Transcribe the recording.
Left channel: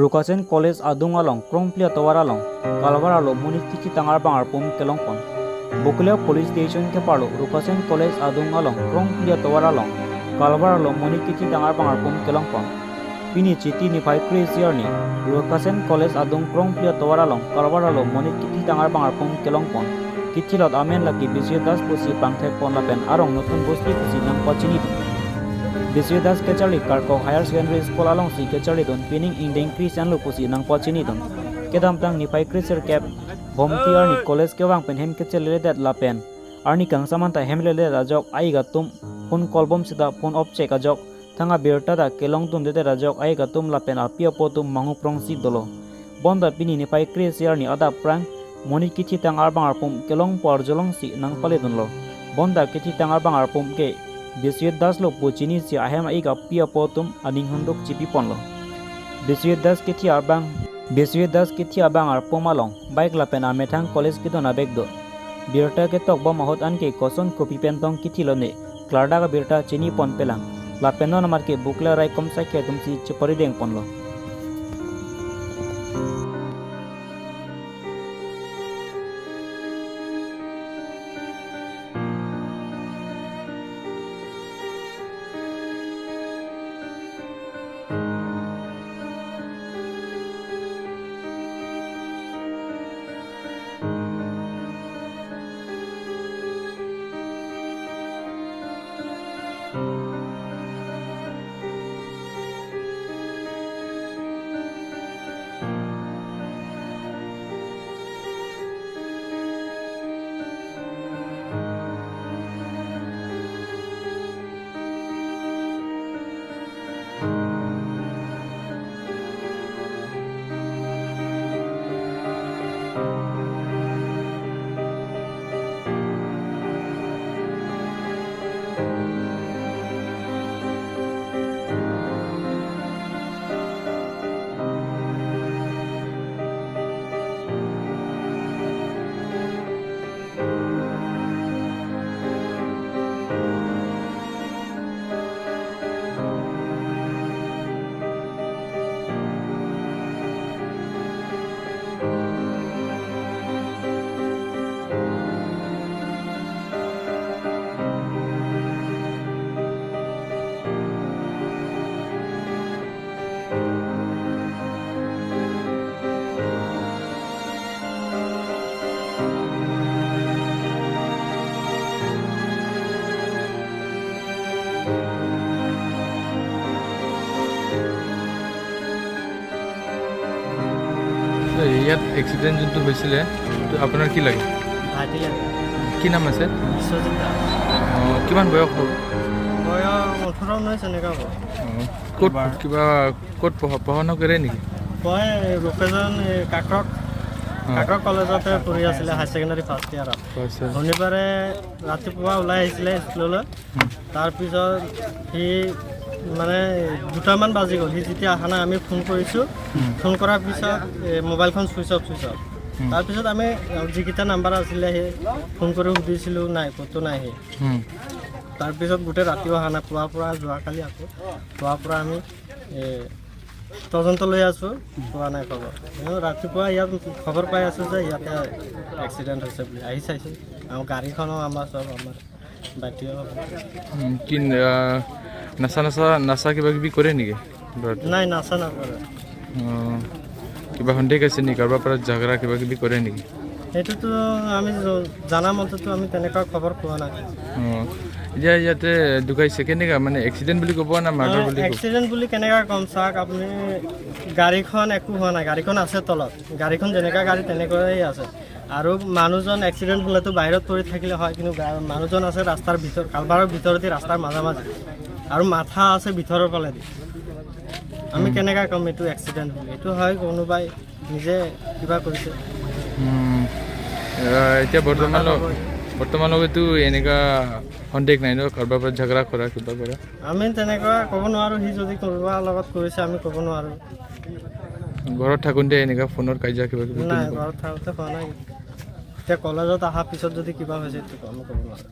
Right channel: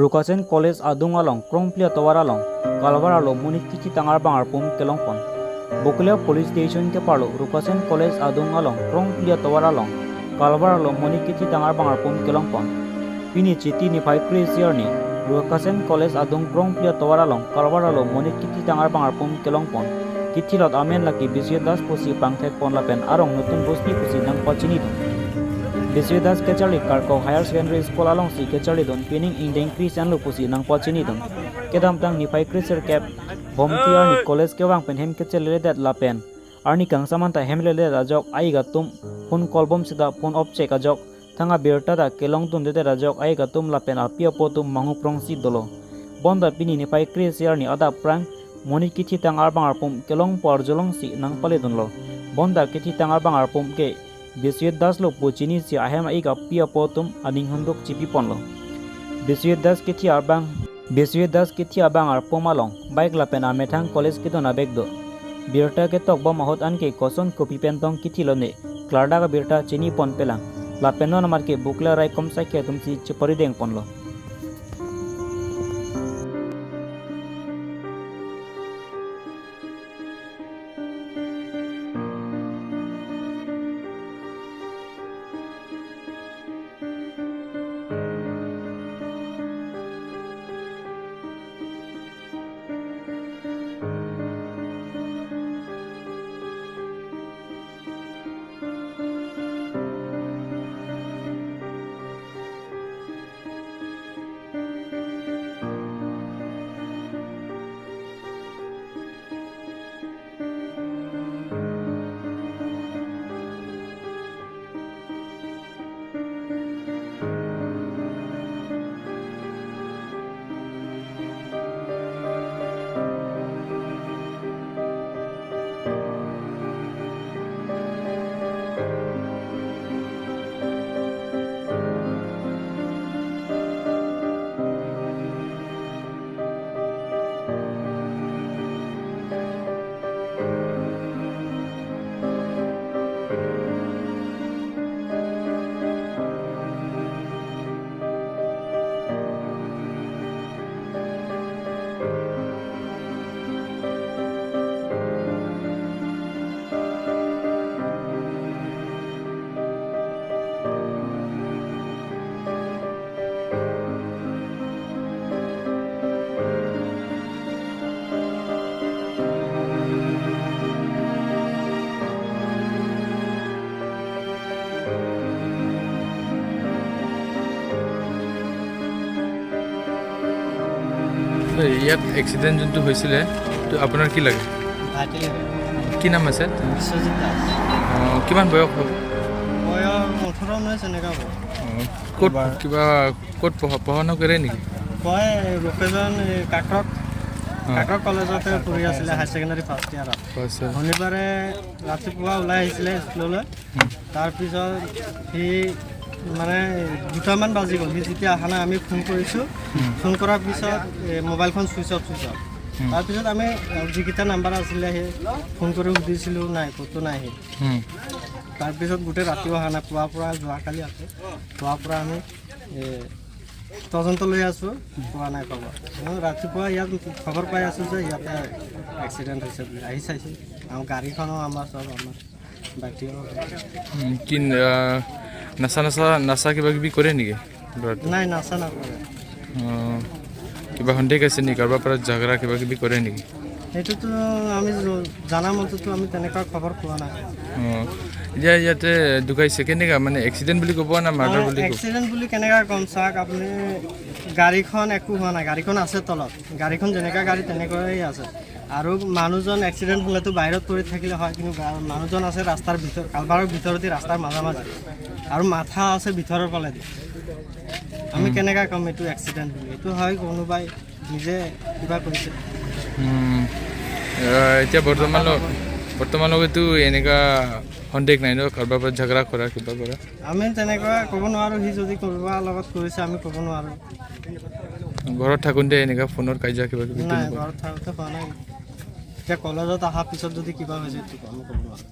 Rukasen College Adung Along, Krongplia Tawaralong, Kalvaralo, Muniki Tangar Bangar Pum Kelongpon. Bukulia Police Station Kepalo, Rukasen College Adung Along, Krongplia Tawaralong, Kalvaralo, Muniki Tangar Bangar Pum Kelongpon. Pini Chiti Nipai Chris Yarni, Rukasen College Adung Krongplia Tawaralong, Kalvaralo, Muniki Tangar Bangar Pum Kelongpon. Kitilot Amen Laki Bisyodas Pusi Pangtek Pon Lapen Arong Nutun Bosti Pusi Nang Pachinidon. Bisyodas Kechali Karko Higher Secondary School along si Kechali don pinning indeng Christian Lupusi Nang Pachinidon. Kedam tang Nipai Chriser Cap Bomti Arni College Kewang Pen Hem Kechali Ledat Lapen Arni Kang Samanta Hemle Rajok Aigatum Pun Kolbom Sida Pun Opchek Ajok Tanga Birtada Kelong Tun de Rajok Aigatum Lapen Apia Potum Mangu Prongsi Dolo. Bonda Pini Nipai Chris Yarni Ada Prang Moni kithi tangar bangar pum kelong por jolong si nang paledon lo bonda kithi tangar bangar pum ke Biswet Das lo puchini si ahem aiga pia potum aning hundok chipi pon lo Biswet Das kithi abangar pum along bike la pena methang college kidona begdo birta ke tok ba mahot an ke koson kopi pentong kithi lo ne klarda ga birta chini pon pelang la penon mar ke bukla rai kom sa ke tum si chpari deng pon lo ইয়াত accident যোনটো হৈছিলে তো আপোনাৰ কি লাগে ভাইটি লাগে কি নাম আছে বিশ্বজিৎ দাস কিমান বয়স হ'ব বয়স 18-19 এনেকুৱা হ'ব ক'ত কিবা ক'ত পঢ়া কৰে নেকি মই লোকেজন কাকৰক কলেজতে পঢ়ি আছিলে হাই ছেকেণ্ডাৰী ফাৰ্ষ্ট ইয়াৰত শনিবাৰে ৰাতিপুৱা ওলাই আহিছিলে স্কুললৈ তাৰপিছত সি মানে দুটামান বাজি গ'ল সি যেতিয়া অহা নাই আমি ফোন কৰিছোঁ ফোন কৰাৰ পিছত মোবাইলখন ছুইচ অফ তাৰপিছত আমি যিকেইটা নাম্বাৰ আছিলে সেই ফোন কৰি সুধিছিলোঁ নাই ক'তো নাই সি তাৰপিছত গোটেই ৰাতিও অহা নাই পুৱাৰ পৰা যোৱাকালি আকৌ পুৱাৰ পৰা আমি তদন্ত লৈ আছোঁ পোৱা নাই খবৰ ৰাতিপুৱা ইয়াত খবৰ পাই আছোঁ যে ইয়াতে এক্সিডেণ্ট হৈছে বুলি আহি চাইছোঁ আৰু গাড়ীখনো আমাৰ চব আমাৰ বাকীও কি নাচা কিবা কিবি কৰে নেকি নাই নাচা নকৰে কিবা সন্দেহ আছে নেকি কাৰোবাৰ পৰা ঝগৰা কিবা কিবি কৰে নেকি সেইটোতো আমি জানা মতেতো আমি তেনেকুৱা খবৰ পোৱা নাই এতিয়া ইয়াতে ঢুকাইছে কেনেকুৱা মানে এক্সিডেণ্ট বুলি ক'ব না মাৰ্ডাৰ বুলি এক্সিডেণ্ট বুলি কেনেকুৱা ক'ম চাওক আপুনি গাড়ীখন একো হোৱা নাই গাড়ীখন আছে তলত গাড়ীখন যেনেকুৱা গাড়ী তেনেকুৱাই আছে আৰু মানুহজন এক্সিডেণ্ট হ'লেতো বাহিৰত পৰি থাকিলে হয় কিন্তু মানুহজন আছে ৰাস্তাৰ ভিতৰত কালভাৰৰ ভিতৰতে ৰাস্তাৰ মাজে আৰু মাথা আছে ভিতৰৰ ফালে আমি কেনেকুৱা ক'ম এইটো এক্সিডেণ্ট বুলি এইটো হয় কোনোবাই নিজে কিবা কৰিছে এতিয়া বৰ্তমানলৈকেতো এনেকুৱা সন্দেহ নাই ন কাৰোবাৰ পৰা ঝগৰা কৰা কিবা কৰা আমি তেনেকুৱা ক'ব নোৱাৰোঁ সি যদি কাৰোবাৰ লগত কৰিছে আমি ক'ব নোৱাৰোঁ ঘৰত থাকোঁতে এনেকুৱা ফোনৰ কাজিয়া কিবা কিবি নাই ঘৰত থাকোঁতে হোৱা নাই এতিয়া কলেজত অহাৰ পিছত যদি কিবা হৈছে সেইটো আমি ক'ব নোৱাৰোঁ